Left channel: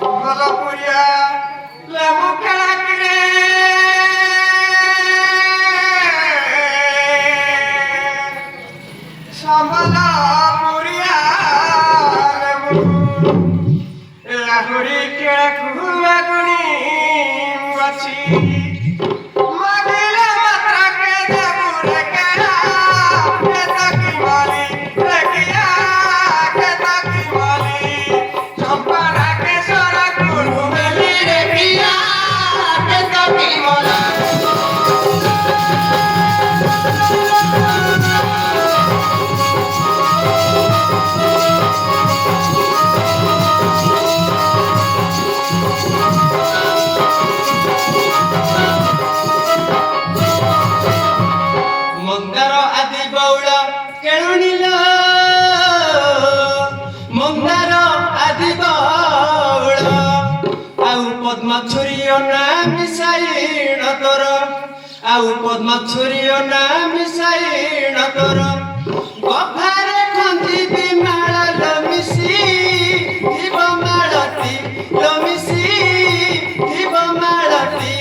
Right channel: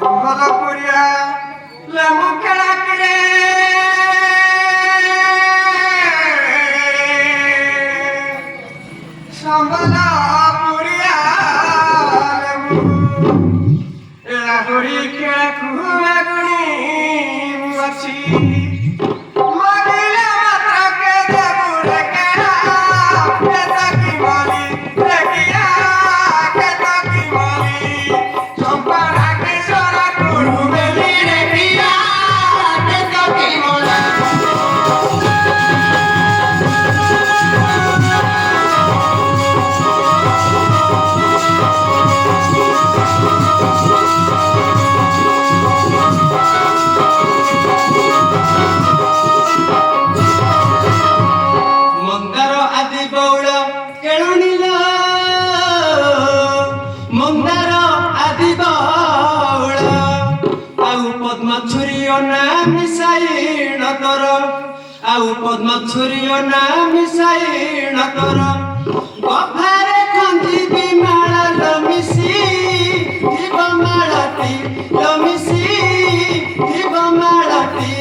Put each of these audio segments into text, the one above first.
ସମ୍ବଲପୁରିଆ ଲେମ୍ବୁ କେଳାକିରେ ସମ୍ବଲପୁରିଆ ଲେମ୍ବୁ ଆହୁରି କେ କୁହାଗୁଣି ଅଛି ମାଗିଲେ ମାତ୍ରକେ ଦେବୁରେ କେଣା କେତକି ମାଲି ରେକିଆ କେତକି ମାଲି ଚମ୍ପାରା କେଶର କୁଳୁ ବେଲି ରେକିଆ କେତକି ମାଲି मंदार आदि बौल आउ पद्मछुरी ना मिसाइण तोर आउ पद्मछुरी ना मिसाइण तोर गफारे खंदी बिमाळ लमिसी जीव माळती लमिसी जीव माळती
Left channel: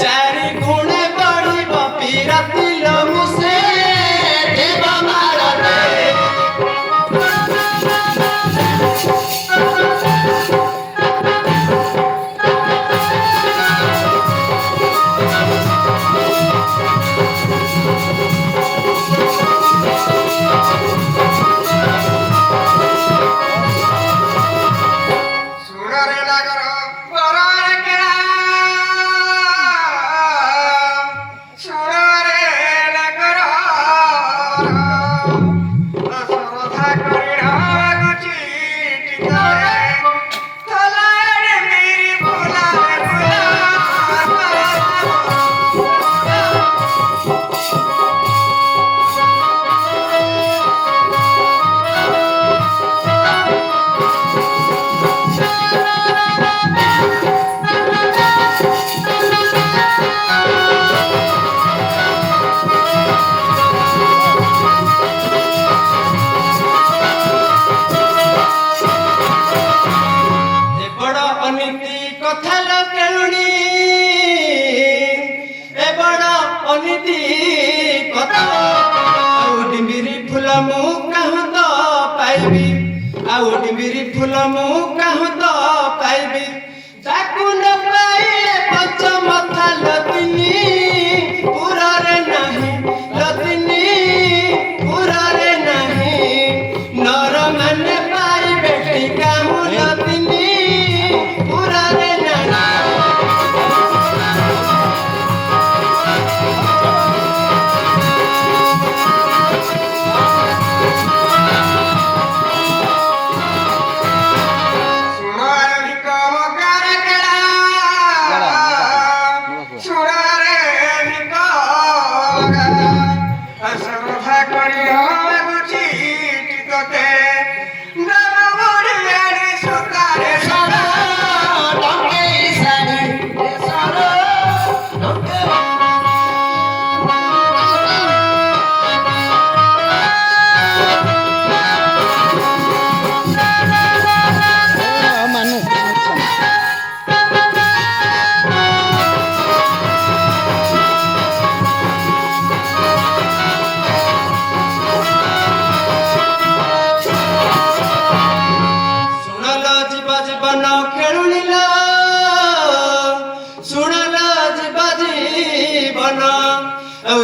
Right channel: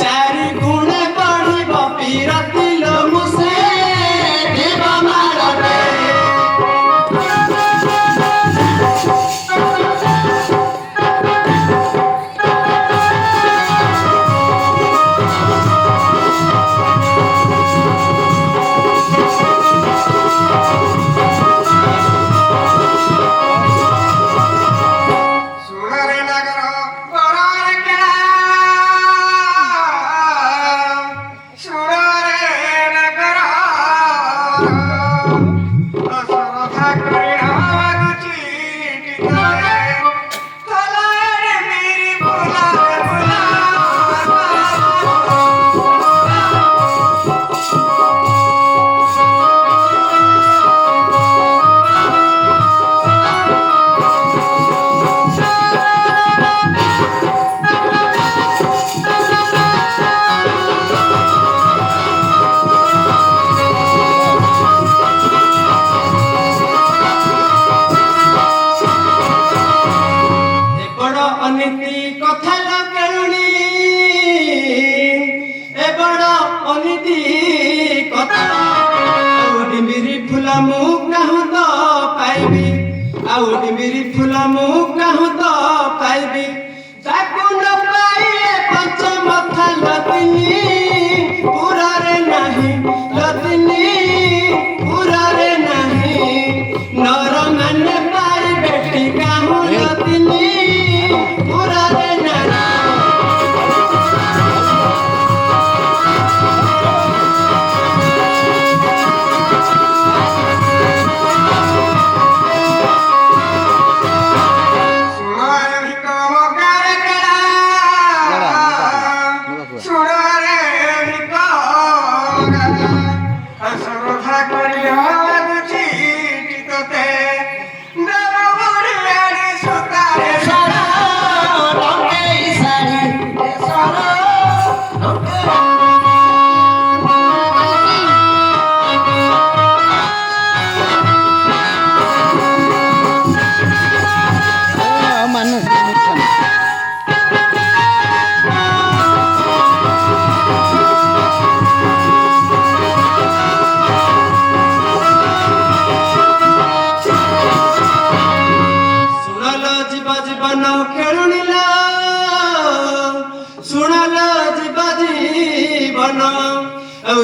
चारि गुणे बढ़िब पीरती लमुसे जीव माळती आउ डिम्बिरी फूल मु कहूँ तो पाइबी ताकू न पाइए पंचमथा लदिनी पुरारे नहीं लदिनी पुरारे नहीं नर माने पाइबे कहूँ लदिनी पुरारे नहीं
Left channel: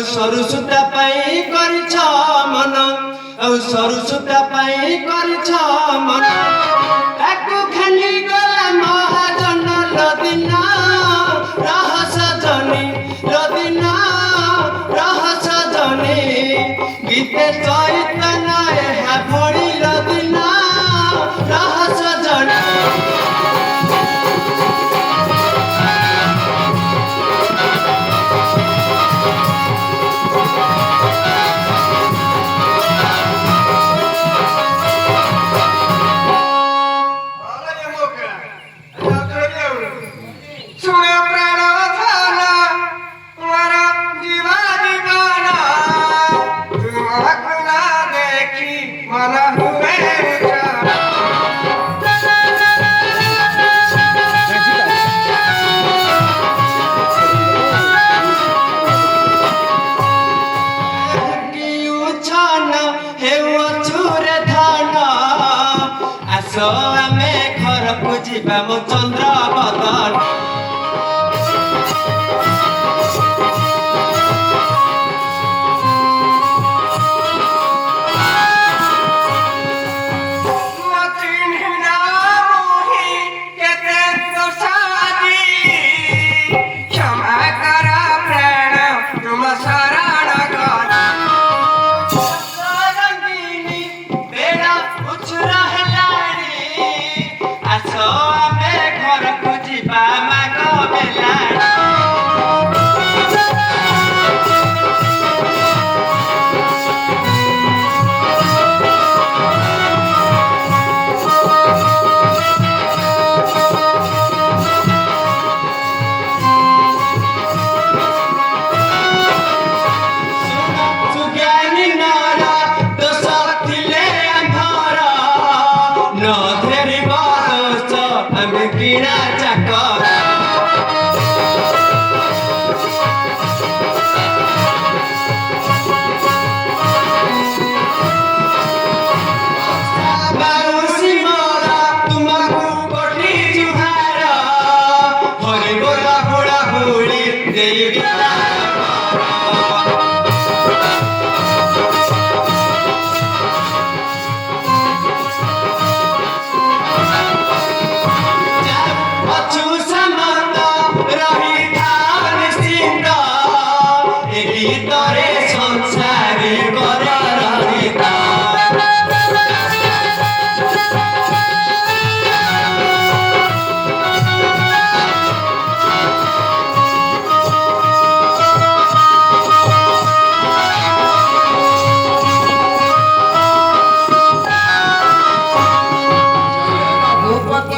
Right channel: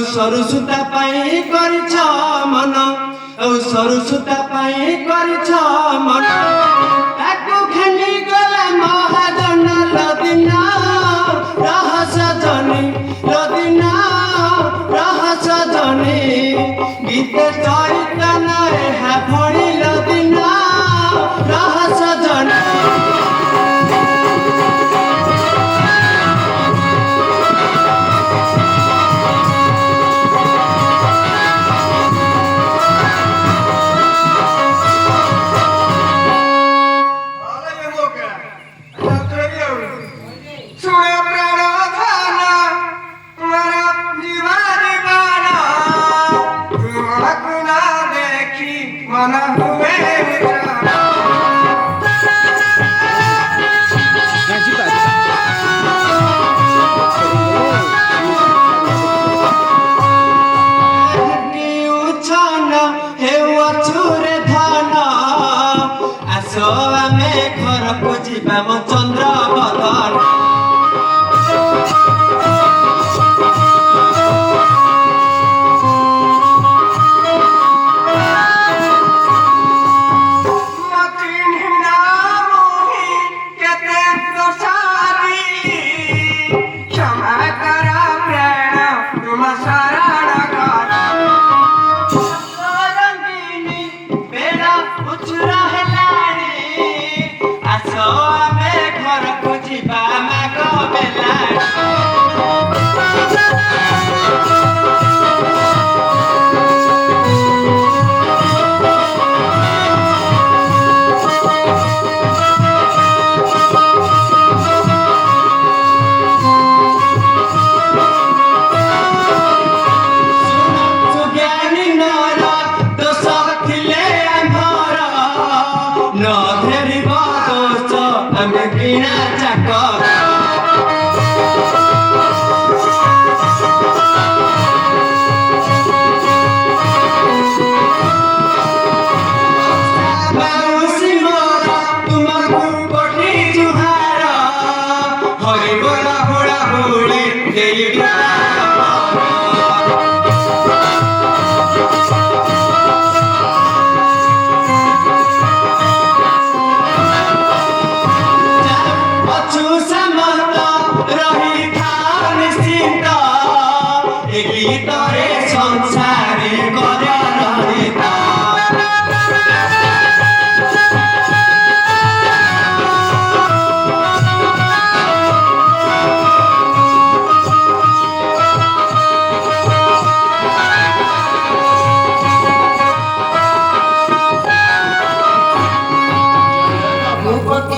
सरु सुता पाई करिछ मन सरु सुता पाई करिछ मन ताकू खेली गला महाजन लदिन रहस जनी लदिन रहस जनी गीते चैतन एहा भड़ी लदिन रहस जनी खोजिबा म चन्द्र बदन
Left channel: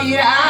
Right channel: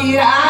Kira